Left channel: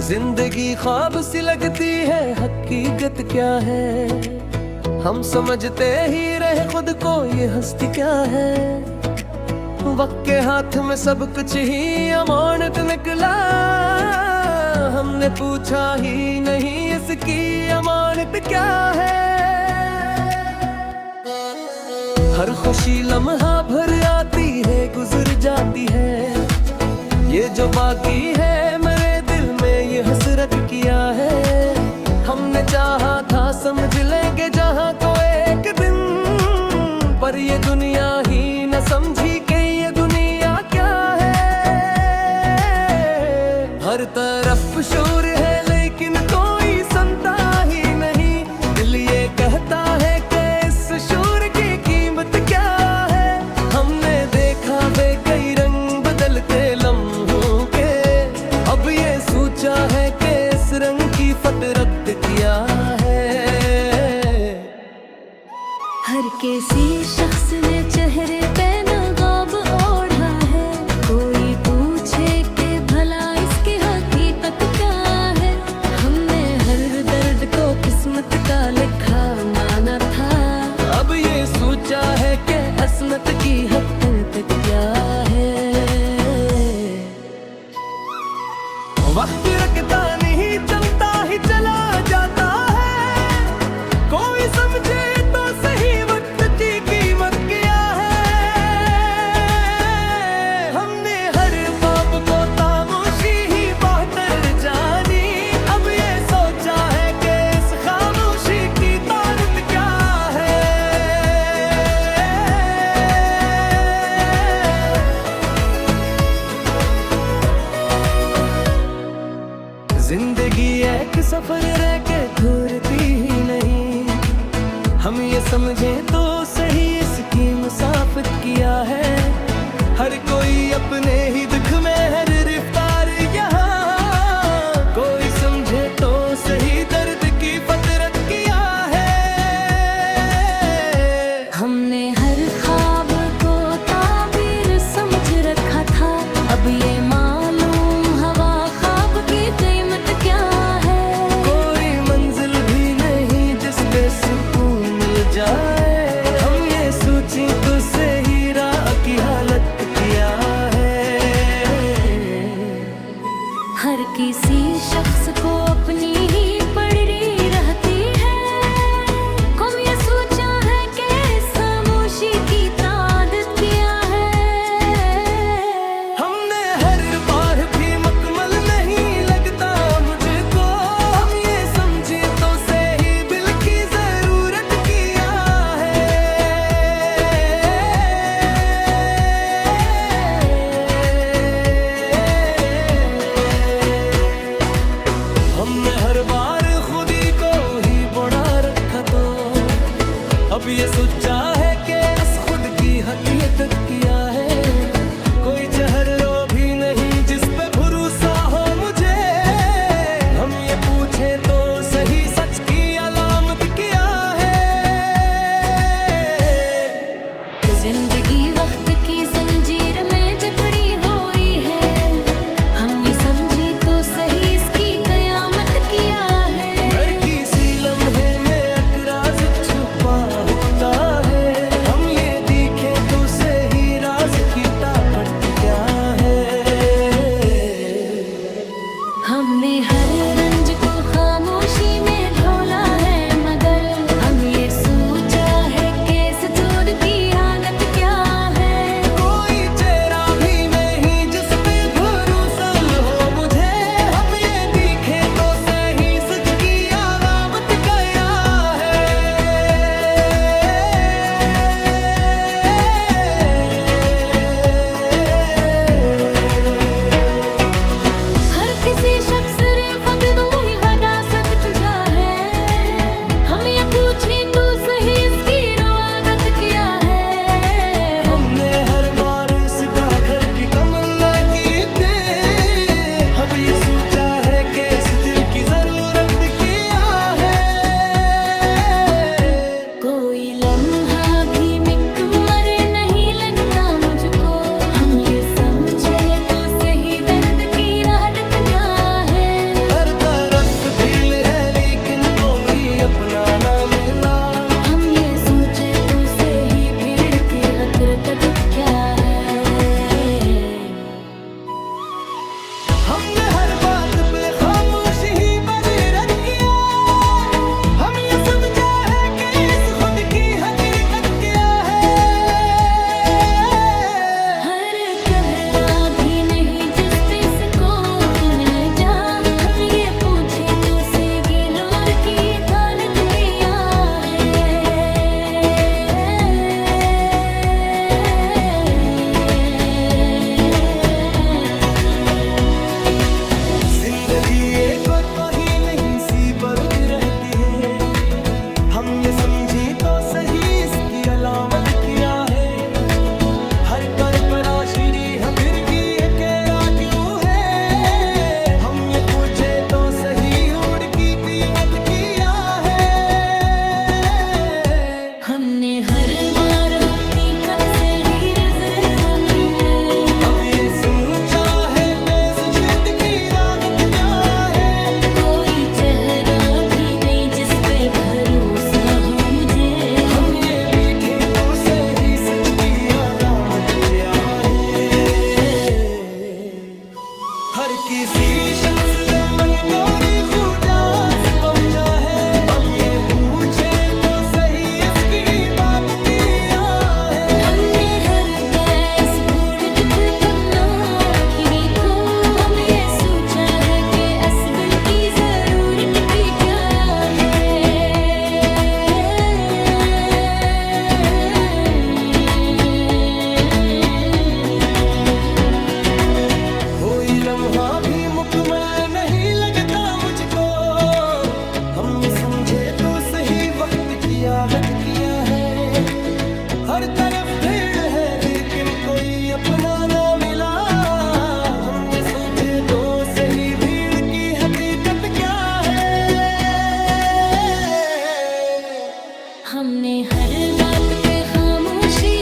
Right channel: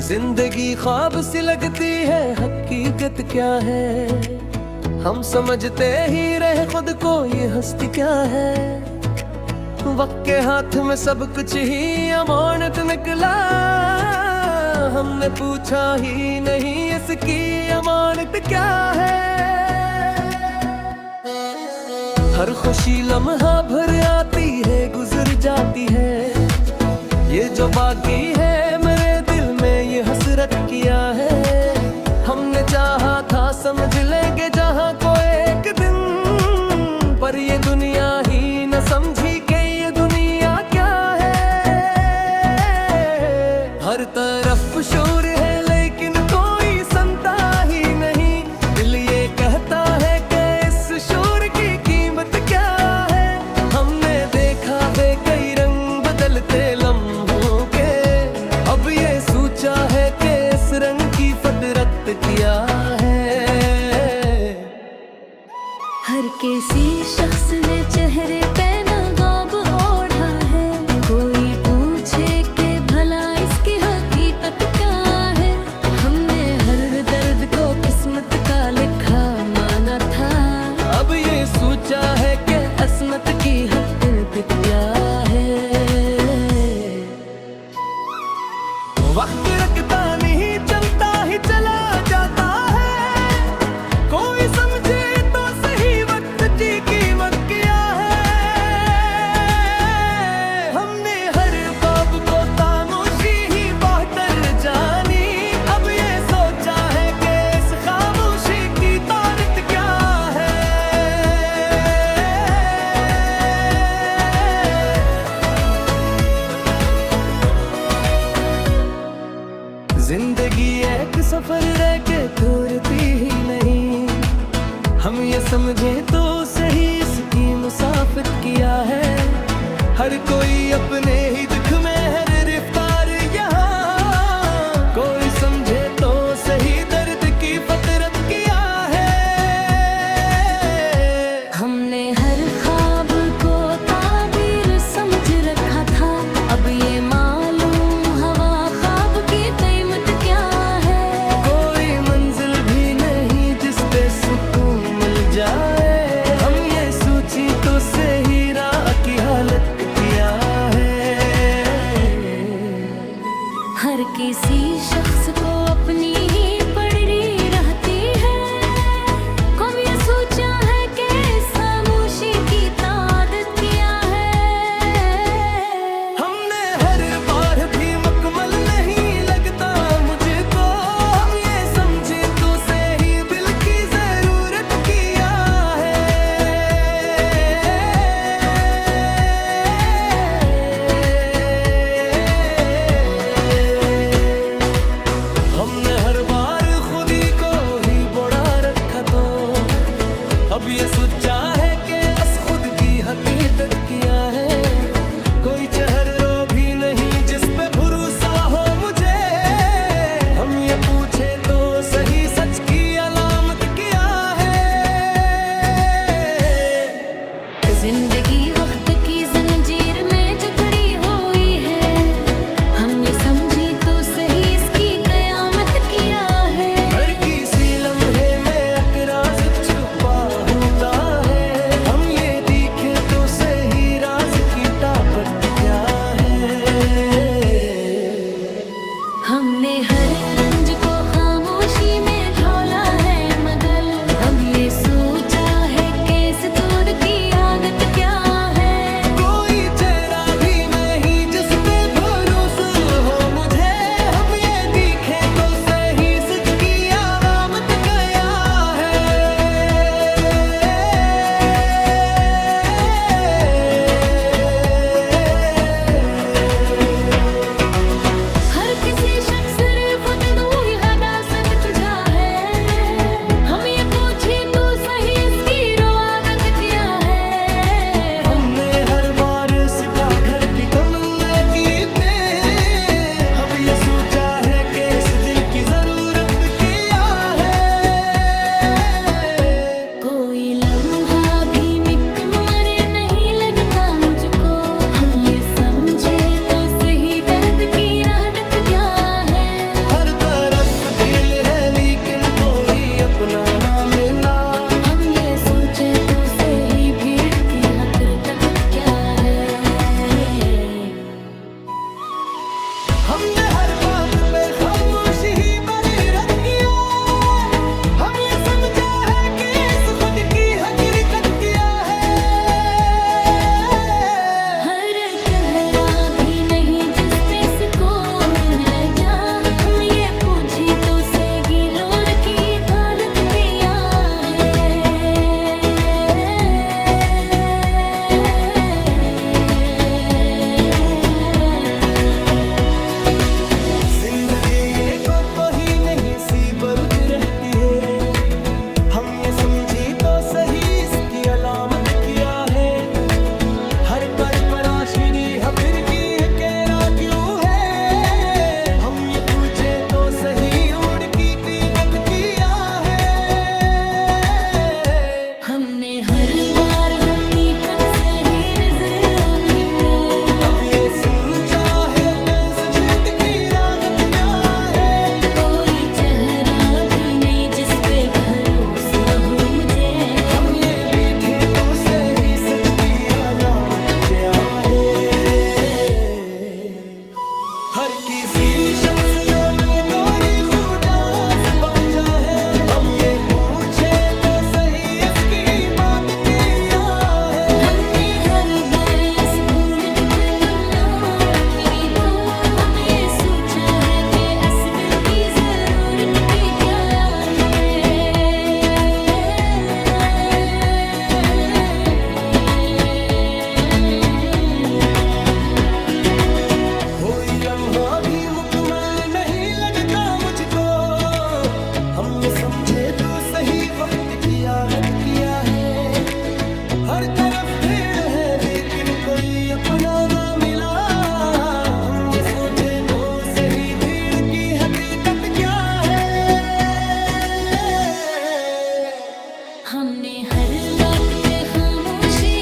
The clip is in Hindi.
जिंदगी ख्वाब सी लगती है, हकीकत क्या है? हम समझते ही रहे खुद को, ये हस्ती क्या है? वक्त के हाथ में सब कुछ ही अमानत निकला, हमने पूछा ही नहीं इसकी अमानत क्या है। हर खुशी लम्हा भर आती है, गुजर जाती है, ये जो बाकी है मेरे दिल में ये हसरत किया है। हमने चाहा था समझ लेंगे जहाँ को एक दिन, पर ये दुनिया ही न समझी कि ये दुनिया क्या है। हर तरफ शोर है लेकिन कोई सुनता ही नहीं, दिल ये कहता है कि इस शोर की कीमत क्या है। हमने देखा कई रंग बदलते लम्हों के, अब ये सोचा है कि इस रंग की फतरत क्या है। हर किसी शख्स ने चेहरे पे नकाब ओढ़ा है, कोई पूछे कि भला इसकी हकीकत क्या है। हमने हर दर्द को किस्मत का लिखा माना था, अब ये सोचा है कि असमत की हकीकत क्या है। वक्त रखता नहीं, चलता ही चला जाता है, कोई समझे तो सही वक्त की कीमत क्या है। हमने हर ख्वाब को खामोशी ही बेहतर जानी, अब ये सोचा है कि इस खामोशी की तारीफ क्या है। जिंदगी एक सफर रह के थोरती ही नहीं, हम ये समझे तो सही इसकी मुसाफत किया है। हर कोई अपने ही दुख में है गिरफ्तार यहाँ, कोई समझे तो सही दर्द की फतरत क्या है। हमने हर ख्वाब को ताबीर समझ रखा था, अब ये मालूम हवा ख्वाब की कीमत क्या है। कोई मंजिल भी नहीं जिस पे सुकून मिल जाए, हम ये सोची तो सही राह की हालत क्या है। हर किसी शख्स को अपनी ही पड़ी रहती है, कौन ये सोचा है कि इस खामोशी की तादत क्या है। हमने हर बार भी मुकम्मल नहीं लगता मुझको, हम ये समझे तो सही बिल की जरूरत क्या है। हमने हर बार खुद ही को ही बड़ा रखा, तो अब ये सोचा है कि बस खुद की हकीकत क्या है। कोई चेहरा भी नहीं जिस पे भरोसा हो मुझे, हम ये पूछे तो सही सच की अलामत क्या है। जिंदगी वक्त की जंजीर में जकड़ी हुई है, हम ये समझी तो सही इसकी कयामत क्या है। हर किसी लम्हे में अकराज छुपा होता है, हम ये देखे तो सही राज की ताकत क्या है। हमने हर रंज को खामोशी में ढोला है, मगर हम ये सोचा है कि इस दूर की आदत क्या है। कोई चेहरा भी नहीं जिस पे भरोसा हो मुझे, हम ये देखे तो सही सच की अलामत क्या है। हर किसी शख्स रे खुद वही हदासत तुझा है, हम ये पूछे तो सही इसकी रोआगत क्या है। हमने हर बार इसका घर की कमल की थे, अब ये सोचा है कि इस दिल की जरूरत क्या है। कोई लम्हा भी मुकम्मल नहीं लगता मुझको, हम ये समझे तो सही दर्द की राहत क्या है। अपना ना मिला। हम ये सोचे तो सही भीड़ की हसरत क्या है। हमने हर बात पे खामोशी ही पर रद्द किया। हम ये समझा है कि इस खुद की हकीकत क्या है। हर चेहरा भी नहीं जिस पे सुकून मिल जा। हम ये पूछे तो सही लोर की तारत किया है। जिंदगी एक तो ही नहीं सी बरुद रहती है। हम ये समझी तो सही इसकी अलामत क्या है। हर पर आशिरी हफिर की है कहरा क्यों है। हम ये पूछे तो सही उड़ की टीकत किया है। हमने हर बार हकीकत से ही नजर मिले। अब ये सोचा है कैसे छिट की लागत क्या है। कोई चेहरा भी नहीं जिस पे भरोसा हो मुझे। हम ये बीठे तो सही सच की अलामत क्या है। हर किसी शख्स ने मन गौरी खुदास समझा है। हम ये पूछे तो सही इसकी बात किया है। हमने हर बहस भूल के पन्नों की थो। हम ये सोचा है कि असबिल की जरूरत की क्या है। कोई लम्हा भी मुकम्मल नहीं लगता मुझको। हम ये समझे तो सही वक्त की आगत किया है। हर तरफ भीड़ है लेकिन कोई अपना ना मिला। हम ये सोचे तो सही भीड़ की हकीकत क्या है। हमने हर बात पे खामोशी